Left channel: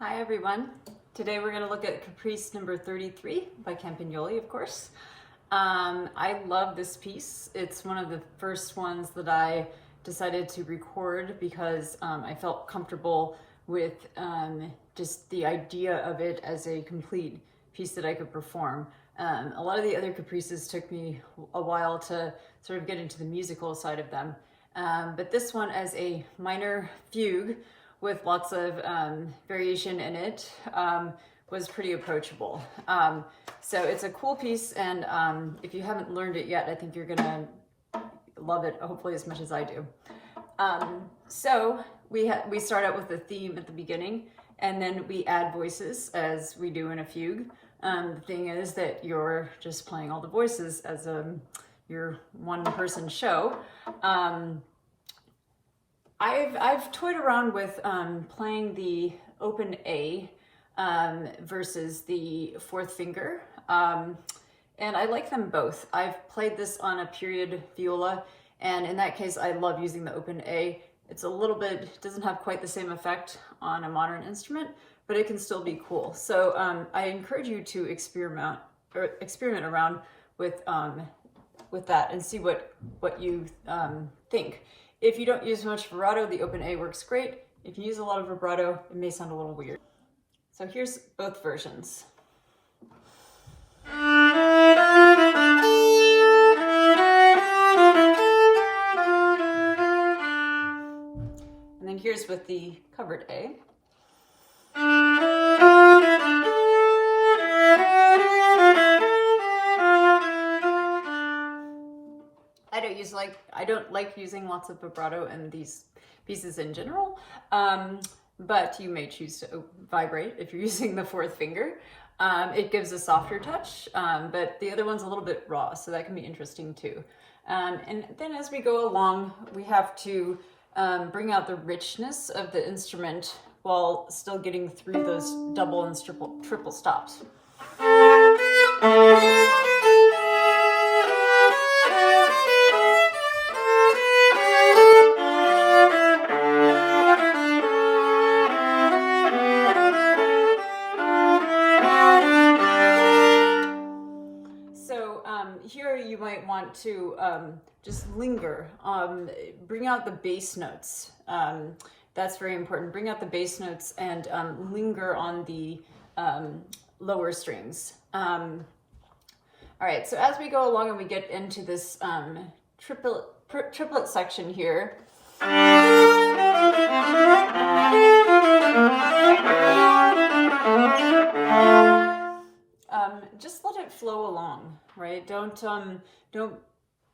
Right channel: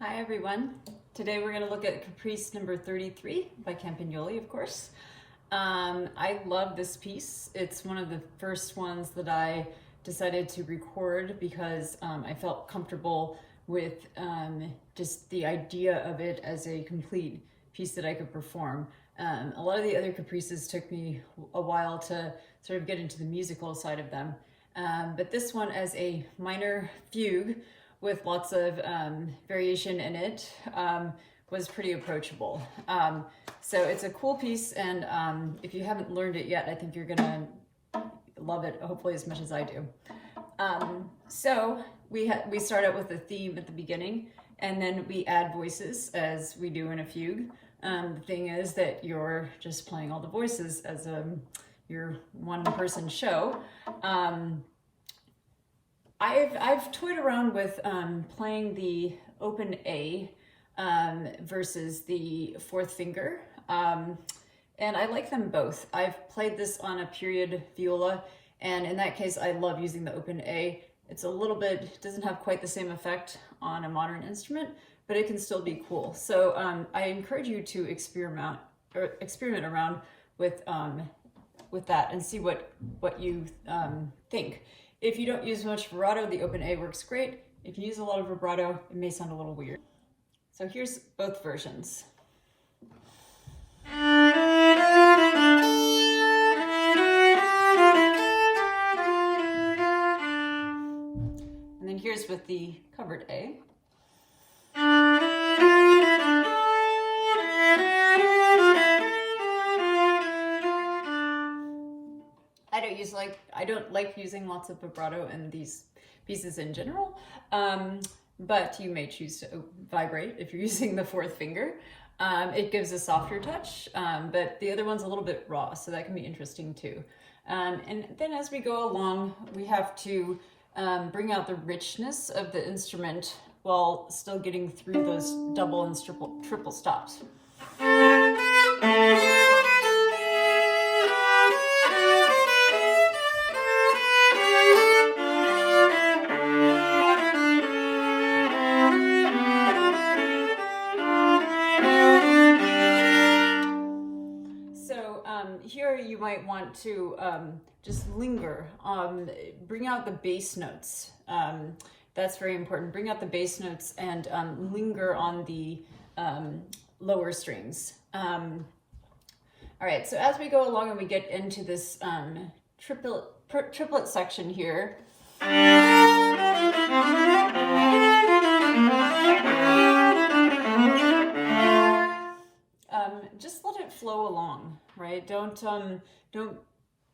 Hi everyone. Today we're going to look at Caprice number 33 by Campagnoli, of course. I love this piece. It's one of the first ones that I decided to record because I felt comfortable with just the idea of it as a complete piece that I could perform. A lot of the other Caprices took me a while to sort of get into the musical side of them. But this one as a minor fugue with lots of variation in it was pretty approachable. So it's a cool piece, and if you haven't learned it yet, I think you're gonna love it, hopefully as much as I do. So we start out with a theme at the beginning, and then we add voices as we do in a fugue. The thing is that you're just playing all the voices as your one-person show. I've toyed around with playing the open A versus the fourth finger, and I like them both. I've played this on a period viola, and in that case I love using the open A. It's a little bit, doesn't have quite the same effect on a modern instrument, but it can still be cool. So I encourage you to experiment around with that and see what you think. If you don't use much vibrato, the open A works great. If you use a lot of vibrato, it may sound a little weird. So here's both versions. And then here's with the covered A. I don't like using lots of vibrato in these pieces in general, but you may choose to vibrate if you're using the fourth finger. It gives a softer touch, but the other one's a little bit raw, so that can be interesting too. And then as we go along, we have to bring out the richness of the instrument while still getting through those double and triple stops. Here you might want to just linger, bring out the bass notes. That's very important. Bring out the bass notes and linger on the lower strings. All right, so as we go along and we get into this triplet section here, just let it flow along, right? Don't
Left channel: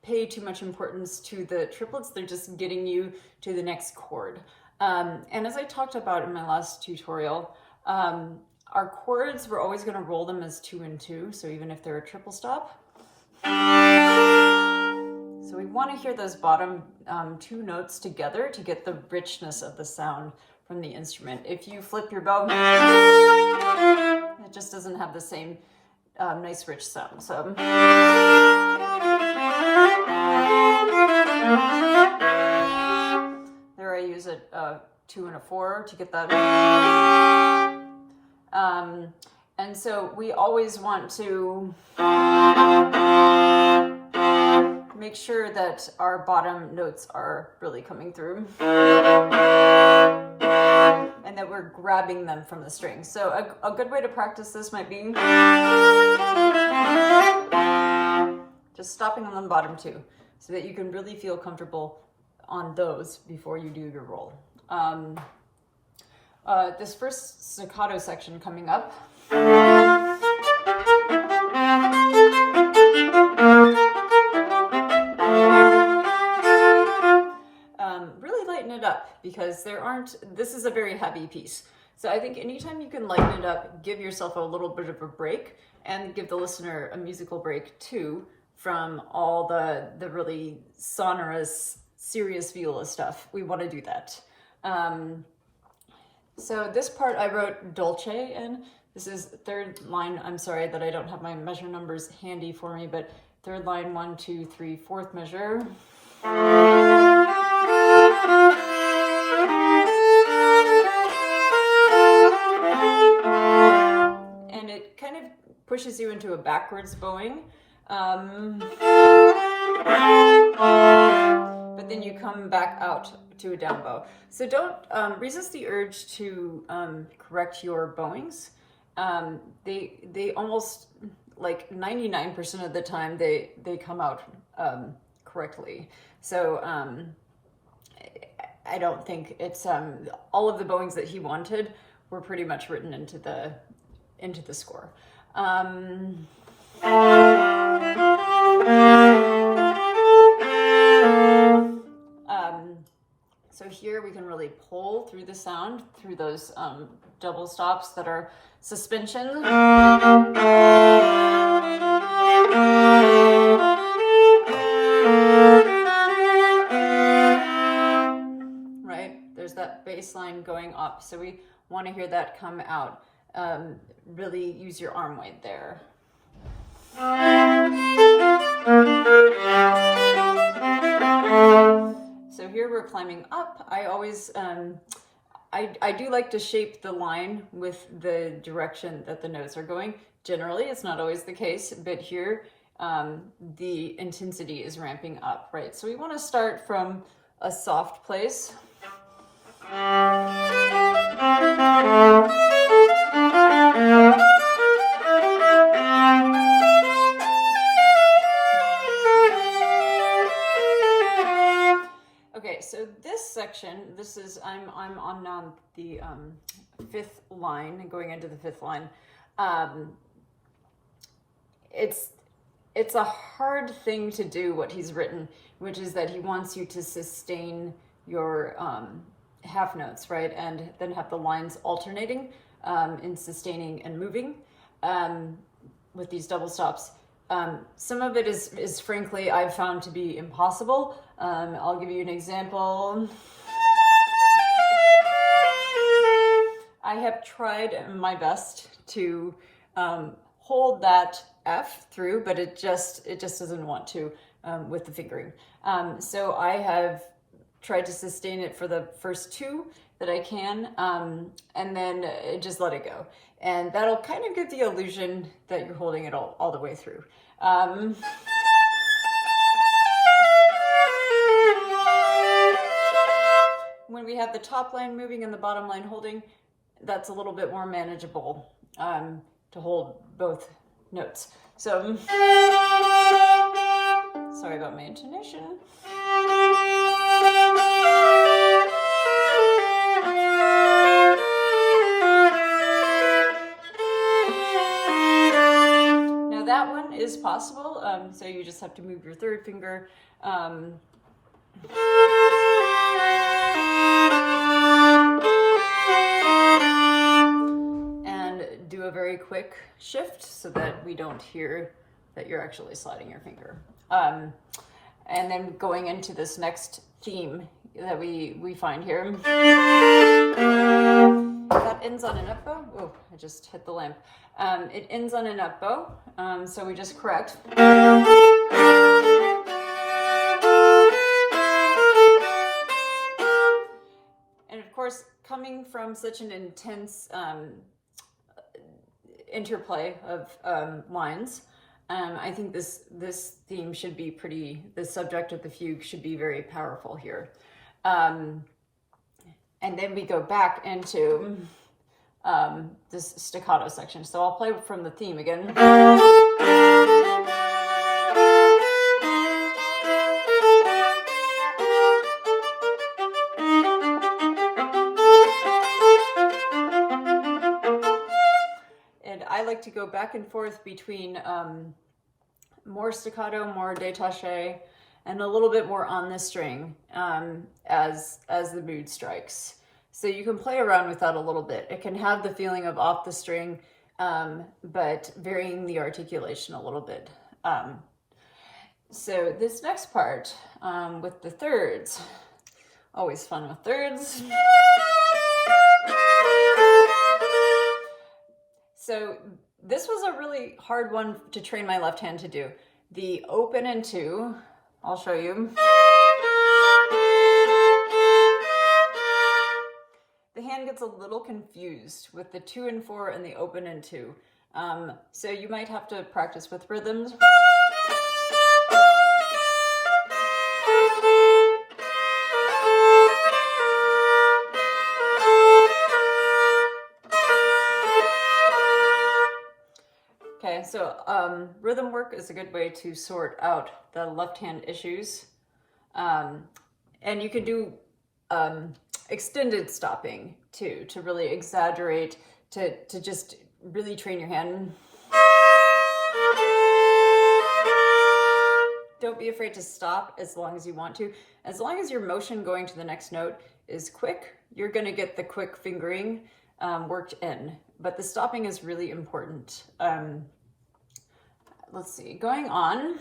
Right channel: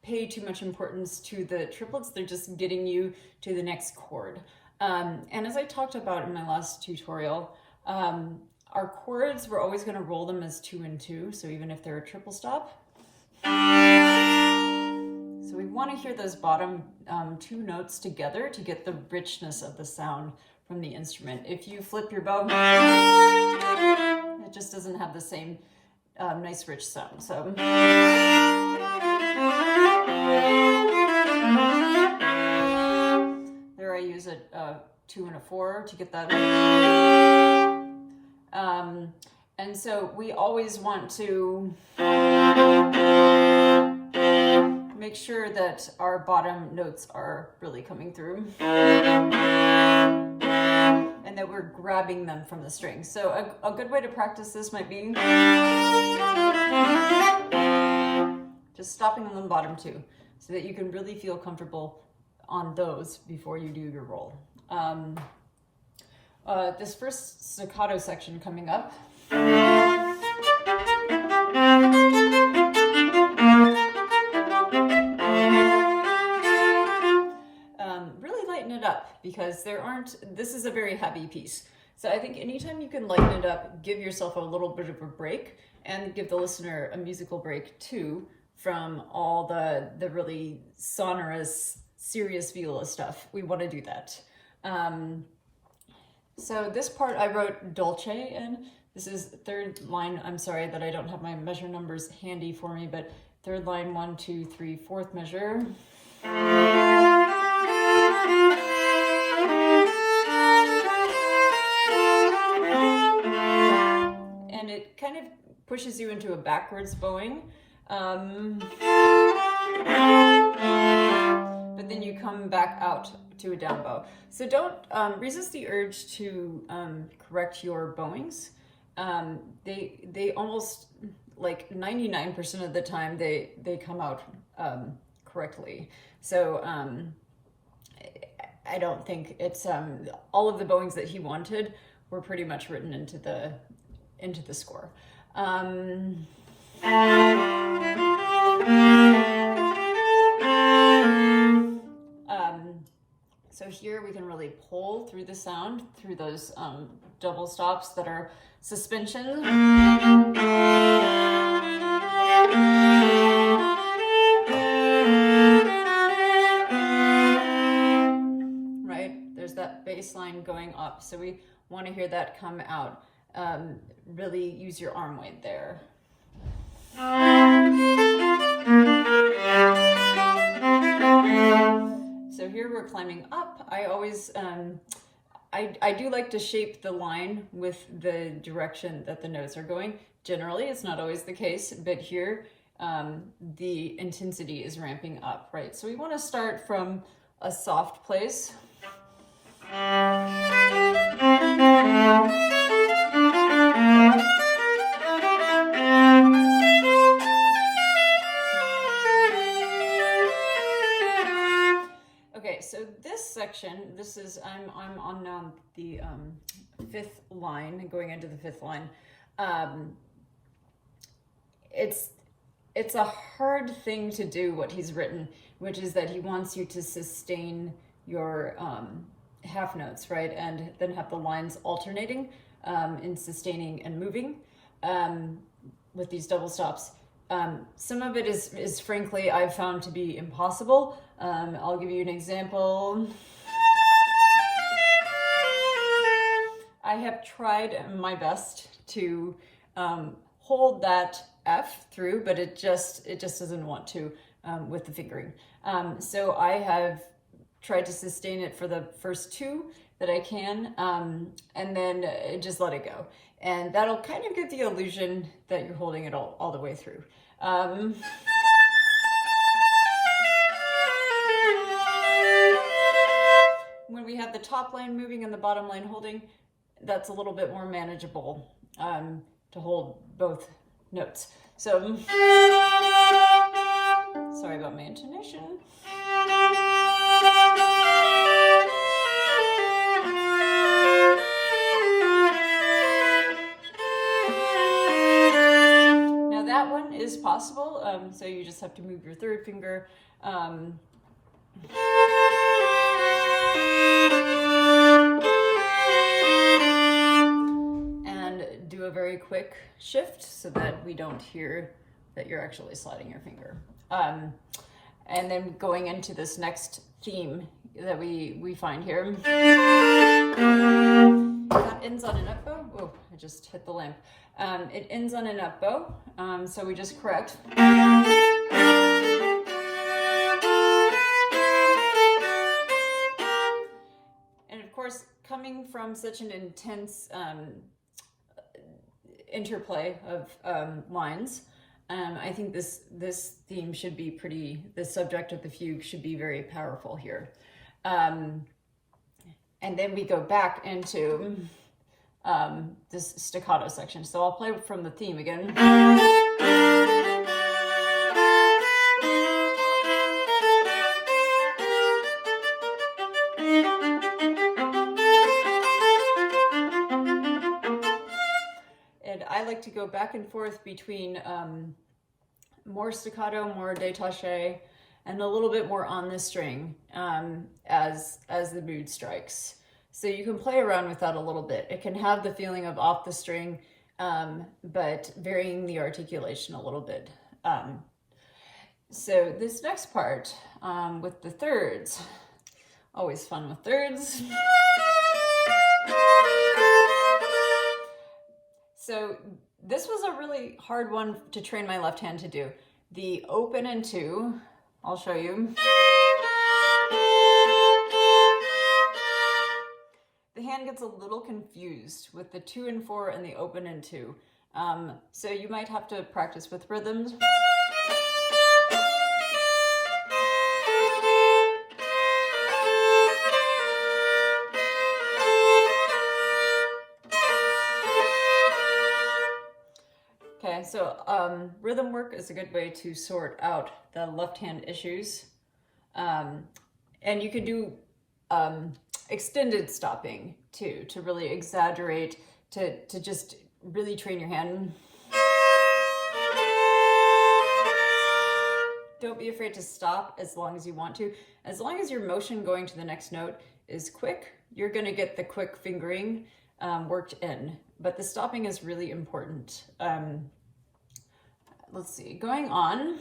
pay too much importance to the triplets. They're just getting you to the next chord. And as I talked about in my last tutorial, our chords, we're always going to roll them as 2 and 2. So even if they're a triple stop. So we want to hear those bottom 2 notes together to get the richness of the sound from the instrument. If you flip your bow, it just doesn't have the same nice rich sound. So there I use a 2 and a 4 to get that. And so we always want to make sure that our bottom notes are really coming through and that we're grabbing them from the strings. So a good way to practice this might be just stopping on the bottom 2 so that you can really feel comfortable on those before you do your roll. This first staccato section coming up, really lighten it up because this is a very heavy piece. So I think anytime you can lighten it up, give yourself a little bit of a break and give the listener a musical break too from all the really sonorous, serious viola stuff. We want to do that. So this part I wrote dolce in. This is third line. I'm sorry that I don't have my measure numbers handy for me, but third line, 1, 2, 3, fourth measure. pushes you into a backwards bowing. But then you come back out to a down bow. So don't resist the urge to correct your bowings. They almost, like 99% of the time, they come out correctly. So I don't think it's all of the bowings that he wanted were pretty much written into the score. So here we can really pull through the sound through those double stops that are suspension. Right? There's that bass line going up. So we want to hear that come out. Really use your arm weight there. So here we're climbing up. I always, I do like to shape the line with the direction that the notes are going. Generally, it's not always the case, but here the intensity is ramping up, right? So we want to start from a soft place. Okay, so this section, this is, I'm on the fifth line, going into the fifth line. It's a hard thing to do what he's written, which is that he wants you to sustain your half notes, right? And then have the lines alternating in sustaining and moving with these double stops. Some of it is frankly, I've found to be impossible. I'll give you an example. I have tried my best to hold that F through, but it just doesn't want to with the fingering. So I have tried to sustain it for the first two that I can, and then just let it go. And that'll kind of give the illusion that you're holding it all the way through. When we have the top line moving and the bottom line holding, that's a little bit more manageable to hold both notes. So, sorry about my intonation. Now that one is possible, so you just have to move your third finger. And do a very quick shift so that we don't hear that you're actually sliding your finger. And then going into this next theme that we find here. That ends on an up bow. Oh, I just hit the lamp. It ends on an up bow, so we just correct. And of course, coming from such an intense interplay of lines, I think this theme should be the subject of the fugue should be very powerful here. And then we go back into this staccato section. So I'll play from the theme again. And I like to go back and forth between more staccato, more détaché, and a little bit more on the string as the mood strikes. So you can play around with that a little bit. It can have the feeling of off the string, but varying the articulation a little bit. So this next part with the thirds, always fun with thirds. So this was a really hard one to train my left hand to do. The open and two, I'll show you. The hand gets a little confused with the 2 and 4 and the open and 2. So you might have to practice with rhythms. Okay, so rhythm work is a good way to sort out the left hand issues. And you can do extended stopping too, to really exaggerate, to just really train your hand. Don't be afraid to stop as long as you want to. As long as your motion going to the next note is quick, you're going to get the quick fingering worked in. But the stopping is really important. Let's see, going on.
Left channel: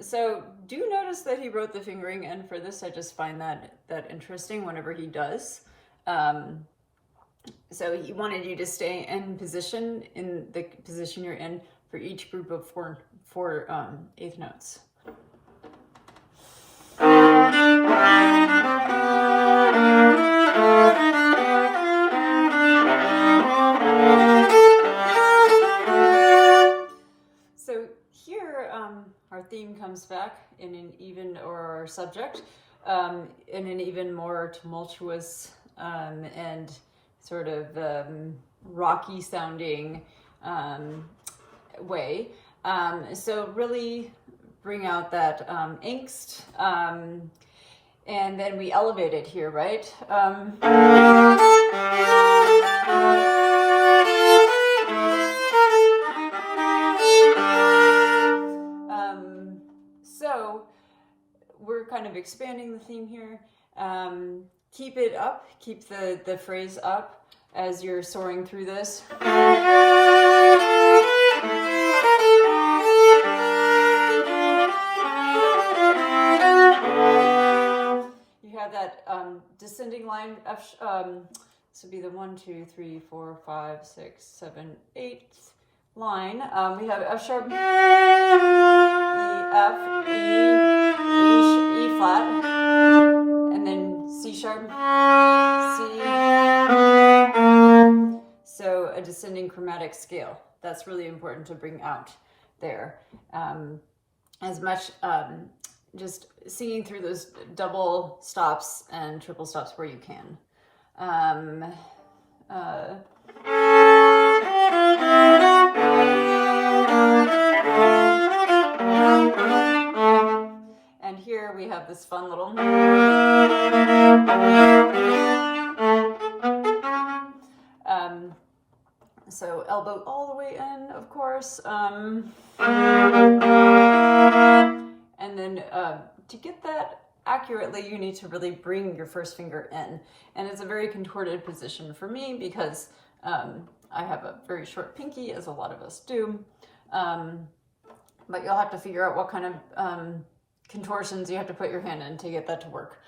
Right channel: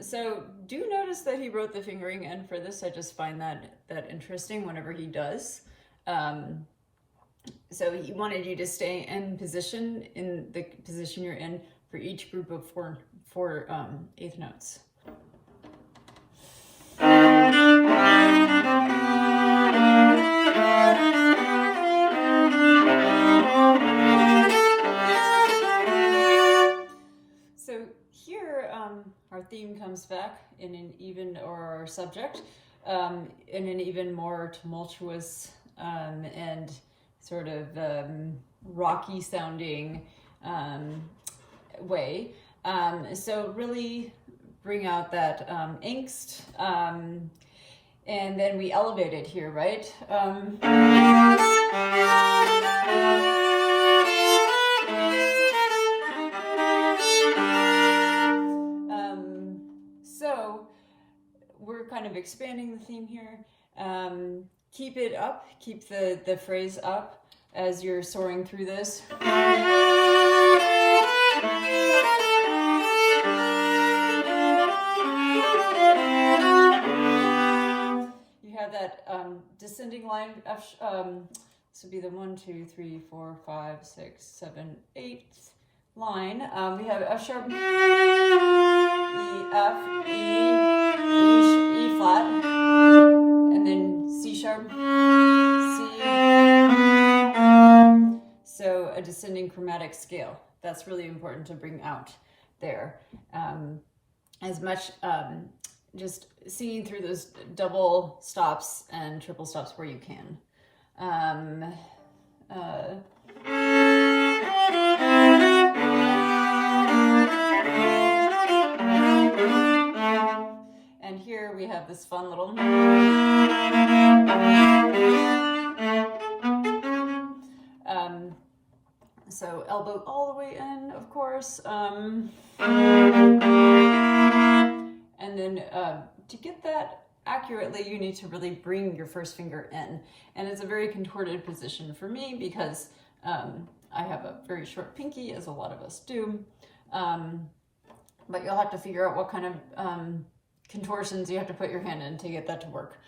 So do notice that he wrote the fingering, and for this I just find that interesting whenever he does. So he wanted you to stay in position, in the position you're in for each group of four eighth notes. So here our theme comes back in an even, or our subject, in an even more tumultuous and sort of rocky sounding way. So really bring out that angst, and then we elevate it here, right? So we're kind of expanding the theme here. Keep it up, keep the phrase up as you're soaring through this. That descending line F, this would be the 1, 2, 3, 4, 5, 6, 7, 8 line. We have F sharp, E, F, E flat, and then C sharp, C. So a descending chromatic scale. That's really important to bring out there. As much just singing through those double stops and triple stops where you can. And here we have this fun little so elbow all the way in, of course. And then to get that accurately, you need to really bring your first finger in. And it's a very contorted position for me because I have a very short pinky, as a lot of us do. But you'll have to figure out what kind of contortions you have to put your hand in to get that to work.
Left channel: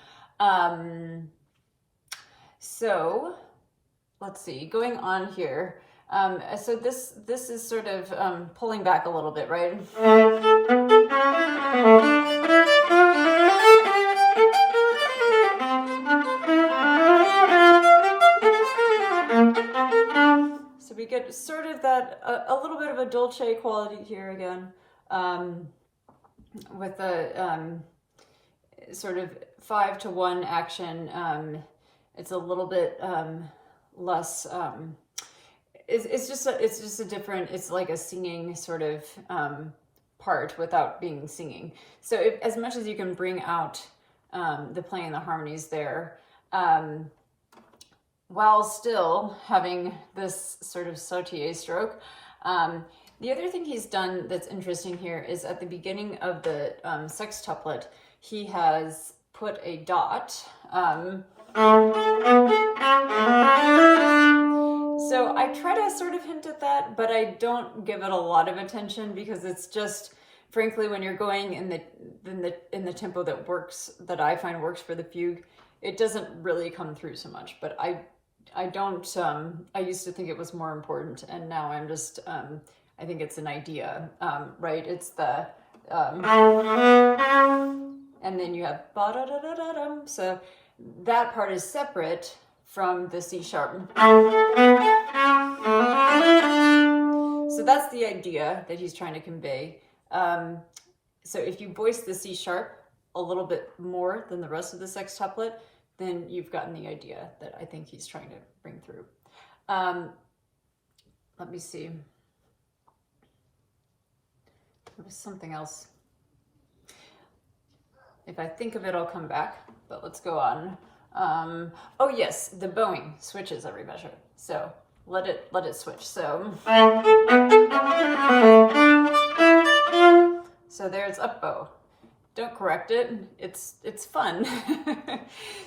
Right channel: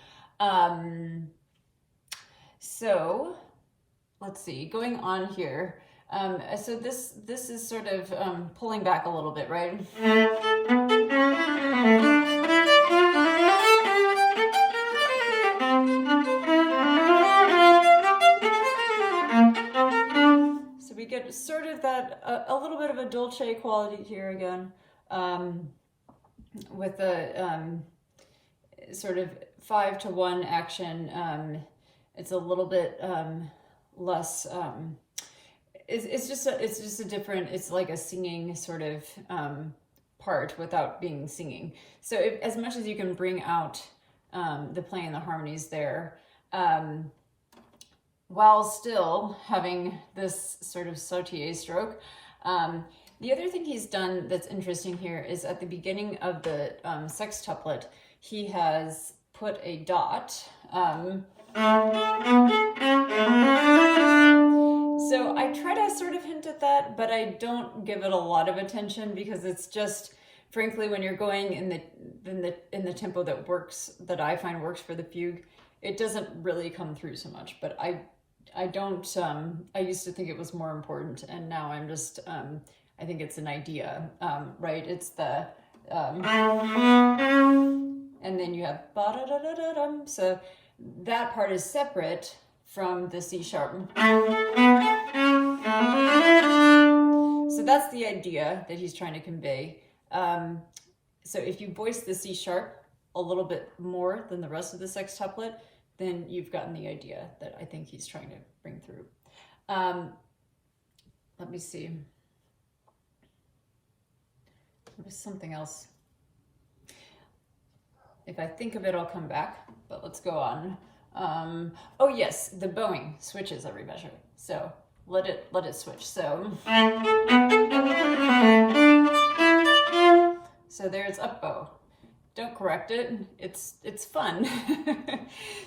So let's see, going on here. So this is sort of pulling back a little bit, right? So we get sort of that, a little bit of a dolce quality here again, with a sort of 5-to-1 action. It's a little bit less, it's just a different, it's like a singing sort of part without being singing. So as much as you can bring out the playing and the harmonies there, while still having this sort of sautier stroke. The other thing he's done that's interesting here is at the beginning of the sextuplet, he has put a dot. So I try to sort of hint at that, but I don't give it a lot of attention because it's just, frankly, when you're going in the tempo that I find works for the fugue, it doesn't really come through so much. But I don't. I used to think it was more important, and now I'm just. I think it's an idea, right? It's the and then you have ba-da-da-da-da-dum. So that part is separate from the C sharp. So that's the idea that he's trying to convey. So if you voice the C sharp a little bit more than the rest of the sextuplet, then you've gotten the idea that I think he's trying to bring through. Let me see. There was something else. If I think of it, I'll come back, but let's go on. Oh yes, the bowing switches every measure. So let it switch. So there's up bow. Don't correct it. It's fun.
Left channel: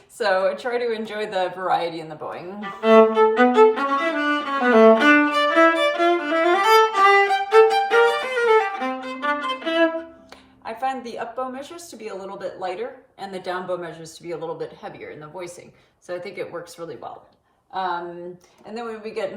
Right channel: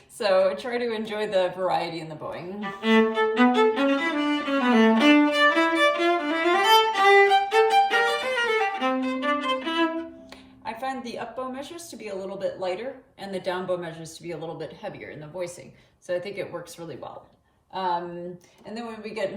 So try to enjoy the variety in the bowing. I find the up bow measures to be a little bit lighter and the down bow measures to be a little bit heavier in the voicing. So I think it works really well. And then when we get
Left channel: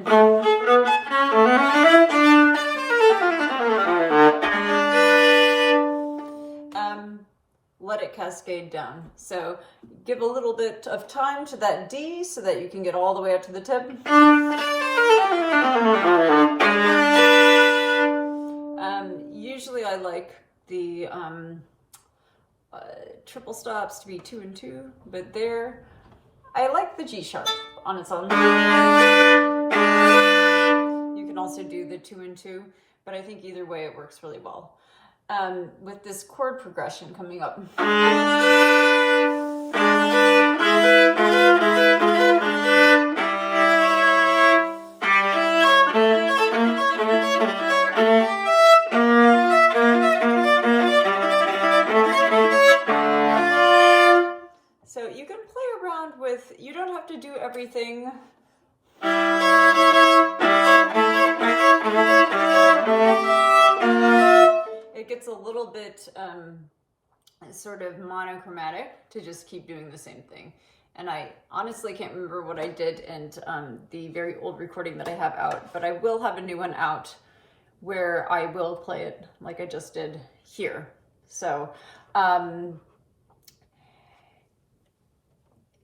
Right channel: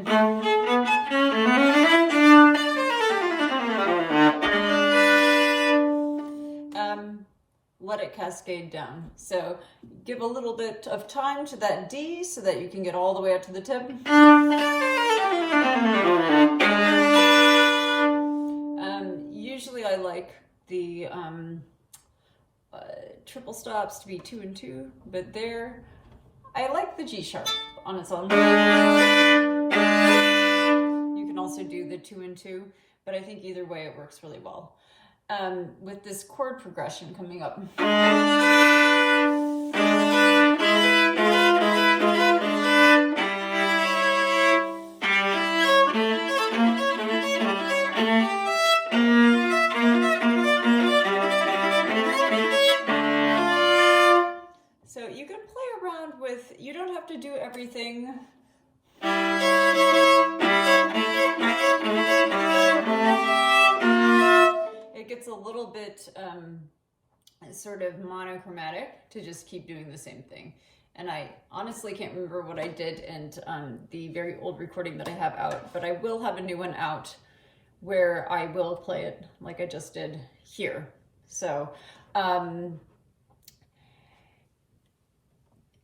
let it cascade down. So give a little bit of time to that D so that you can get all the way up to the tip. Usually I like the triple stops to be 2 and 2, but there I like the G sharp on its own. You can also do the 2 and 2, but I think either way it works really well. With this chord progression coming up. So you can play around with, you don't have to do everything. It gets a little bit sort of monochromatic to just keep doing the same thing. And I honestly can't remember what I did in the very old recording that I have out, but I will have a new one out where I will play it like I just did here. So,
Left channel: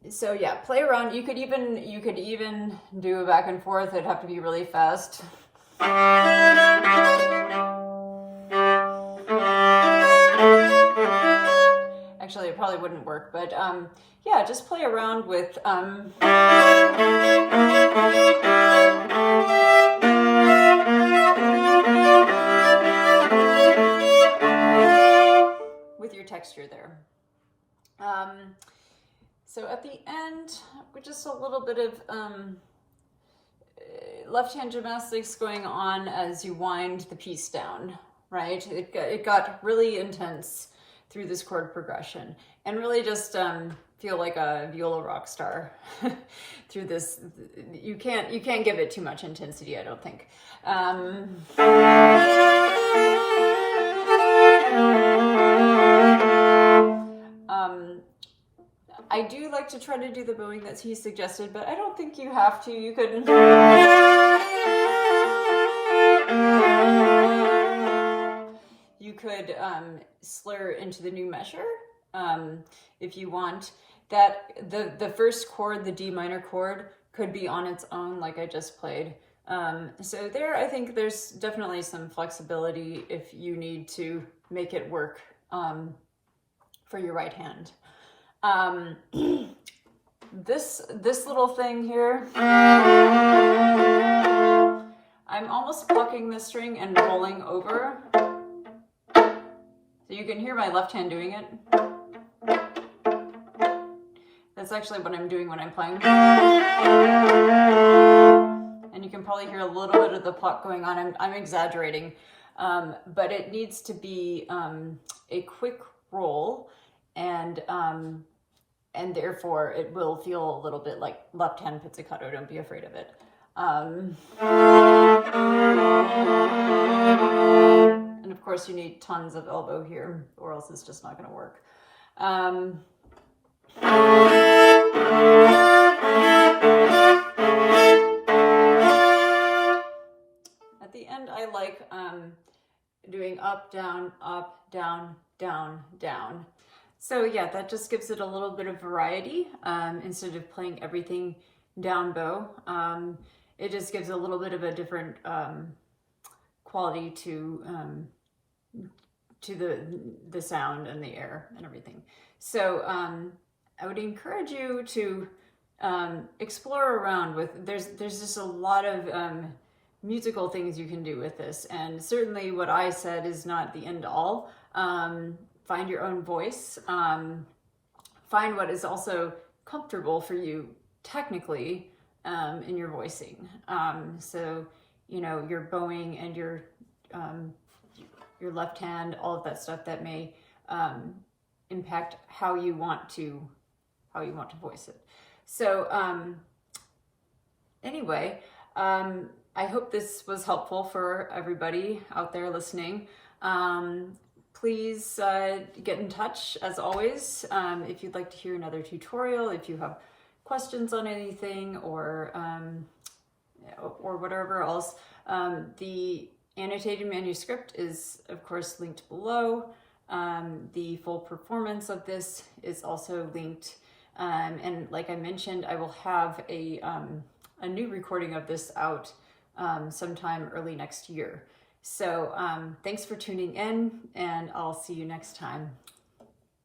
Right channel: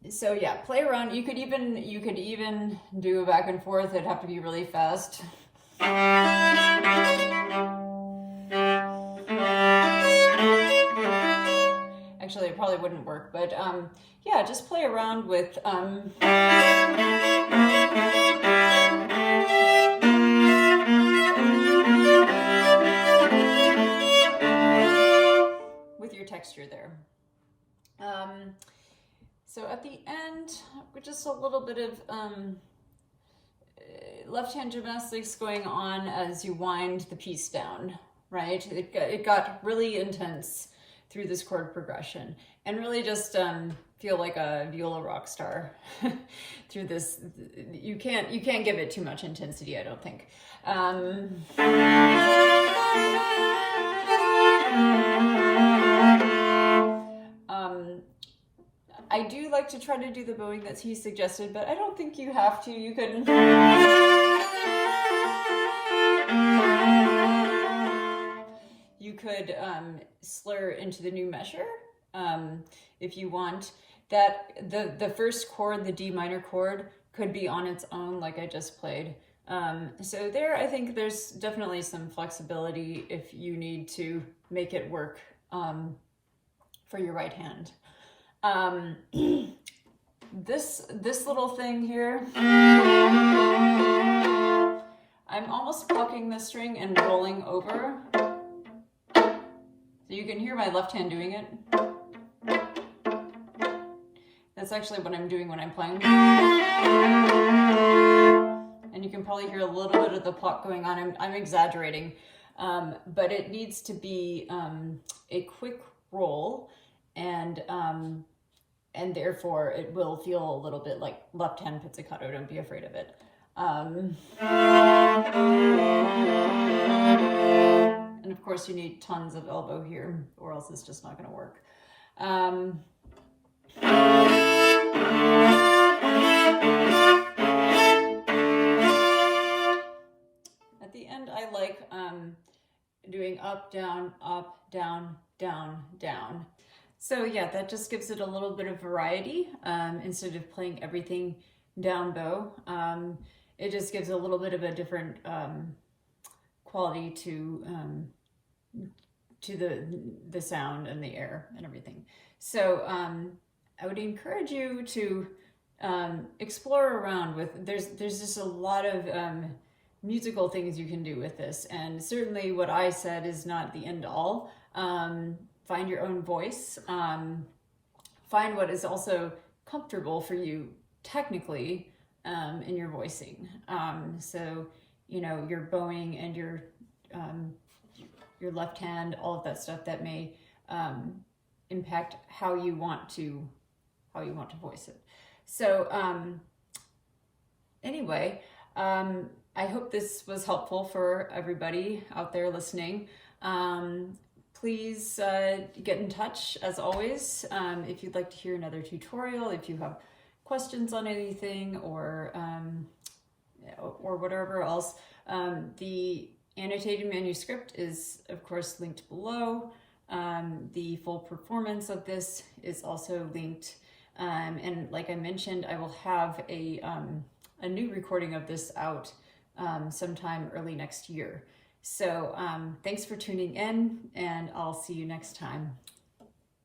so yeah, play around. You could even do a back and forth. It'd have to be really fast. Actually, it probably wouldn't work, but yeah, just play around with your texture there. So at the end, with just a little bit of left hand gymnastics going on as you wind the piece down, right? It got really intense through this chord progression, and really just feel like a viola rock star through this. You can't give it too much intensity, I don't think. I do like to try to do the bowing that he suggested, but I don't think you have to. You could slur into the new measure if you want. That the first chord, the D minor chord, could be on its own like I just played. So there, I think there's definitely some flexibility if you need to make it work for your right hand. This little thing here, I'm almost plucking the string and rolling over. So you can hear my left hand doing it. That's actually what I'm doing when I'm playing. And you can probably hear a little bit of the pluck going on. I'm exaggerating, but it needs to be a quick roll, and therefore it will feel a little bit like left hand pizzicato. Don't be afraid of it. And of course you need tons of elbow here, or else it's just not going to work. At the end, I like doing up, down, down, down. So yeah, that just gives it a little bit of variety instead of playing everything down bow. It just gives a little bit of a different quality to the sound and the air and everything. So I would encourage you to explore around with. There's just a lot of musical things you can do with this, and certainly what I said is not the end all. Find your own voice. Find what is also comfortable for you technically in your voicing. So, you know, your bowing and your left hand, all of that stuff that may impact how you want to voice it. So anyway, I hope this was helpful for everybody out there listening. Please get in touch as always if you'd like to hear another tutorial, if you have questions on anything or whatever else. The annotated manuscript is of course linked below. The full performance of this is also linked. And like I mentioned, I will have a new recording of this out sometime early next year. So thanks for tuning in, and I'll see you next time.